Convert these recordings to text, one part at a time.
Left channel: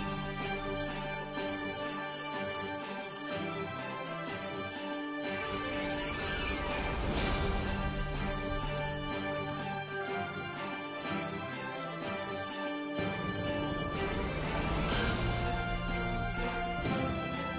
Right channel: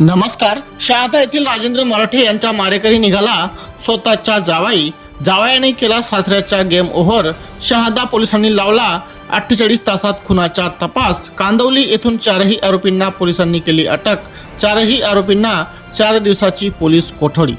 नमस्कार शहादा येथील राजेंद्र मराठे यांचा मारेकरी निघाला स्वतःच्या जावाई. जावयाने केला सासऱ्याचा गेम ओव्हर. शहादा पोलिसांनी लावला अठ्ठेचाळीस तासात खुनाचा तपास. कांदवली येथून चारही आरोपींना पोलिसांनी केली अटक. चारही आरोपींना चार दिवसाची पोलीस कोठडी.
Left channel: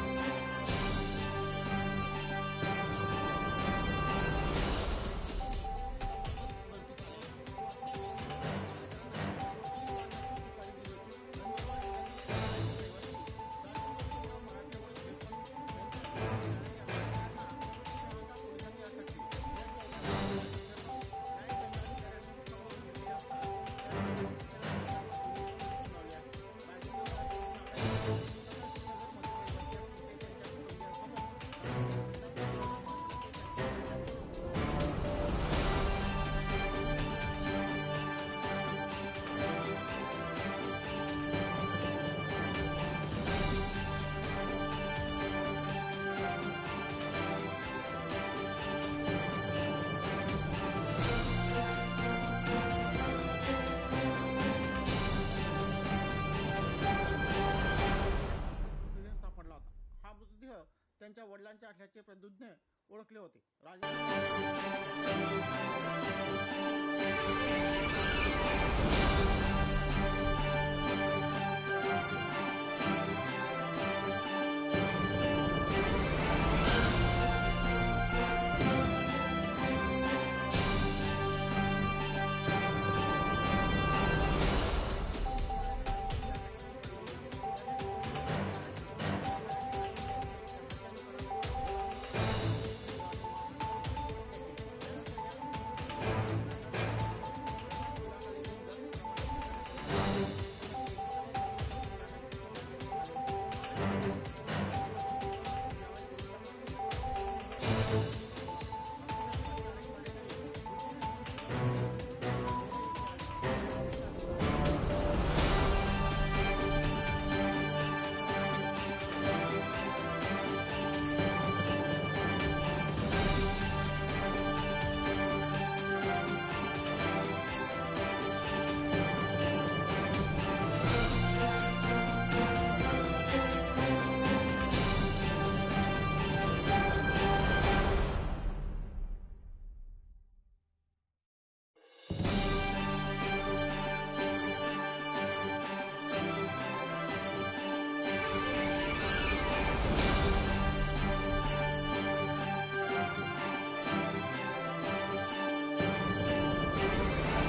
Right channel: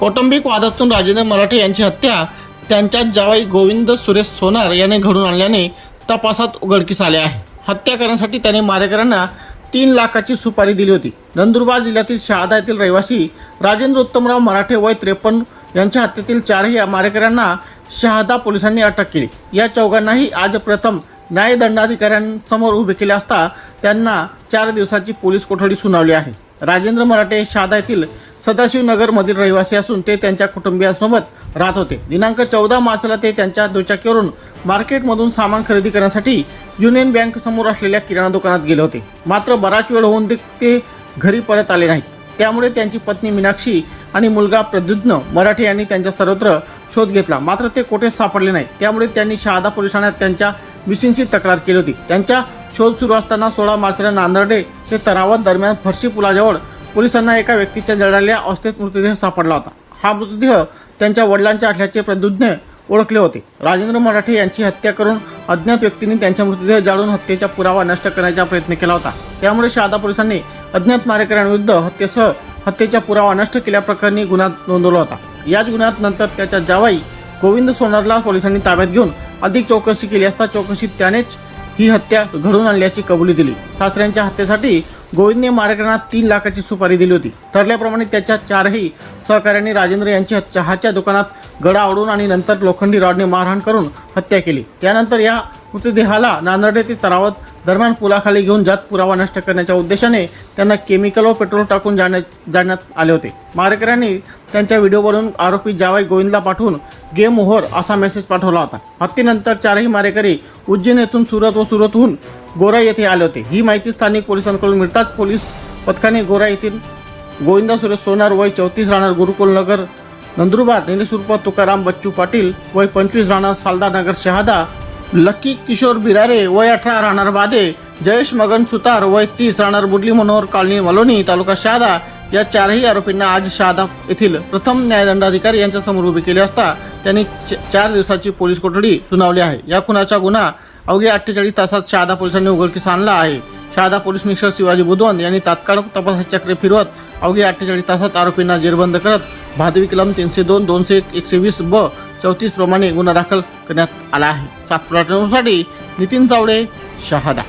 कौटुंबिक वादातून राजेंद्र मराठे यांची हत्या. त्यांच्याच जावाई गोविंद सुरेश सोनार याने घडून आणल्याने तपासात उघडकीस आले आहे. हत्या करण्यासाठी त्याने मारेकऱ्यांना तीन लाखाची सुपारी दिली होती. नंदुरबार जिल्ह्यातील शहादा येथील रहिवासी राजेंद्र उत्तमराव मराठे वय त्रेपन्न यांच्या हत्येतील चारही मारेकऱ्यांना शहादा पोलिसांनी अटक केली. या चौघांनाही आज प्रथम न्यायदंडाधिकाऱ्यांसमोर उभे केले असता त्यांना चार दिवसाची पोलीस कोठडी सुनावली आहे. राजेंद्र मराठे शहादा येथील सदाशिवनगरमधील रहिवासी असून ते त्यांच्या कुटुंबियांसोबत राहत होते. दिनांक चौदा मार्चला ते त्यांच्या दुचाकीवरून मार्केटमधून सामान खरेदी करण्यासाठी युनियन बँक समोर असलेल्या किराणा दुकानात गेले होते. मात्र बराच वेळ होऊन ते- ते घरी परत आले नाहीत. त्यामुळे त्यांची पत्नी मीनाक्षी आणि मुलगा प्रद्युत्न मराठे यांनी त्यांचा सर्वत्र शोध घेतला. मात्र ते कोठेच सापडले नाही त्यामुळे त्यांनी शहादा पोलीस ठाण्यात त्यांच्या मिसिंगची तक्रार केली होती. त्यांच्या शोध सुरू असताना सोळा मार्चला नांदर्डे ते तरावत दरम्यान फरशी पुलाजवळ पोलिसांना एका व्यक्तीच्या जळालेल्या अवस्थेत मृतदेह सापडला होता. हा मृतदेह त्यांच्या वडिलांच्या असल्याचे प्रदुज्ञ ओळखले होते. राजेंद्र मराठे यांची हत्या करून अज्ञात व्यक्तींनी त्यांचा मृतदेह जाळून हत्येचा पुरावा नष्ट करण्याचा प्रयत्न केला होता. त्यामुळे शहादा पोलिसांनी अज्ञात मारेकऱ्यांविरुद्ध हत्येसह हत्येचा पुरावा नष्ट केल्याप्रकरणी गुन्हा नोंदवला होता. याच गुन्ह्यात नंतर त्याच्या जावाई गोविंद सोनारला पोलिसांनी ताब्यात घेऊन अधिक चौकशी केली असता चौकशीत त्यानेच ही हत्या घडून आणल्याची कबुली दिली. सासऱ्यांच्या हत्येसाठी गोविंदने मारेकरांना तीन लाखाची सुपारी दिली होती. ठरल्याप्रमाणे त्याच्या चारही सहकाऱ्यांनी राजेंद्र यांची चहाच्या दुकानात गडा आवडून आणि नंतर लोखंडी रॉडने मारहाण करून हत्या केली. त्यानंतर या मृतदेहाला नांदर्डे ते तरावत दरम्यान पुलाखाली घेऊन जात पुरावा नष्ट करण्याच्या उद्देशाने त्यांना केमिकल व पेट्रोल टाकून जाण्यात जाण्यात आले होते. मारेकऱ्यांनी त्यांच्या व्हिडिओवरून आरोपी जावाई गोविंदला पाठवून गेम ओव्हर असा मेसेज पाठवला होता. हत्येनंतर चारही मारेकरी उज्जैन येथून सुरत व सुरतहून गोरा येथे आले होते. ही माहिती स्थानिक पोलिसांकडून मिळताच पोलीस पथकाने गोरा येथील गोविंदा सुरेश सोनार वय चौतीस राहणार गुरुकुल नगर नंदुरबार निलेश तुकाराम बच्चू पाटील वय पंचवीस राहणार सालदार नगर शहादा लकी किशोर बिरारे वय अठरा राहणार बादे जयेश मगन सुतार वय तीस राहणार बुडली मनोहर कॉलनी मलोनी तालुका शहादा या चारही आरोपींना आज शहादा येथील प्रथम न्यायदंडाधिकारी यांच्या समोर उभे केले असता त्यांनी च- चार दिवसाची पोलीस कोठडी सुनावली आहे. या खुनाचा गुन्हा अवघ्या अठ्ठेचाळीस तासात शहादा पोलिसांनी उघडकीस आणला आहे. शहादा पोलीस निरीक्षक शिवाजी बुधवन यांनी तात्काळ तपासाचे चक्रे फिरवत अवघ्या अठ्ठेचाळीस तासात आरोपींना जेरबंद करत भादवी कलम तीनशे दोन दोनशे एक एकशे वीस ब चौतीस प्रमाणे गुन्हा दाखल करण्यात आला आहे. सातपुरा साठी नितीन चावडे शहादा.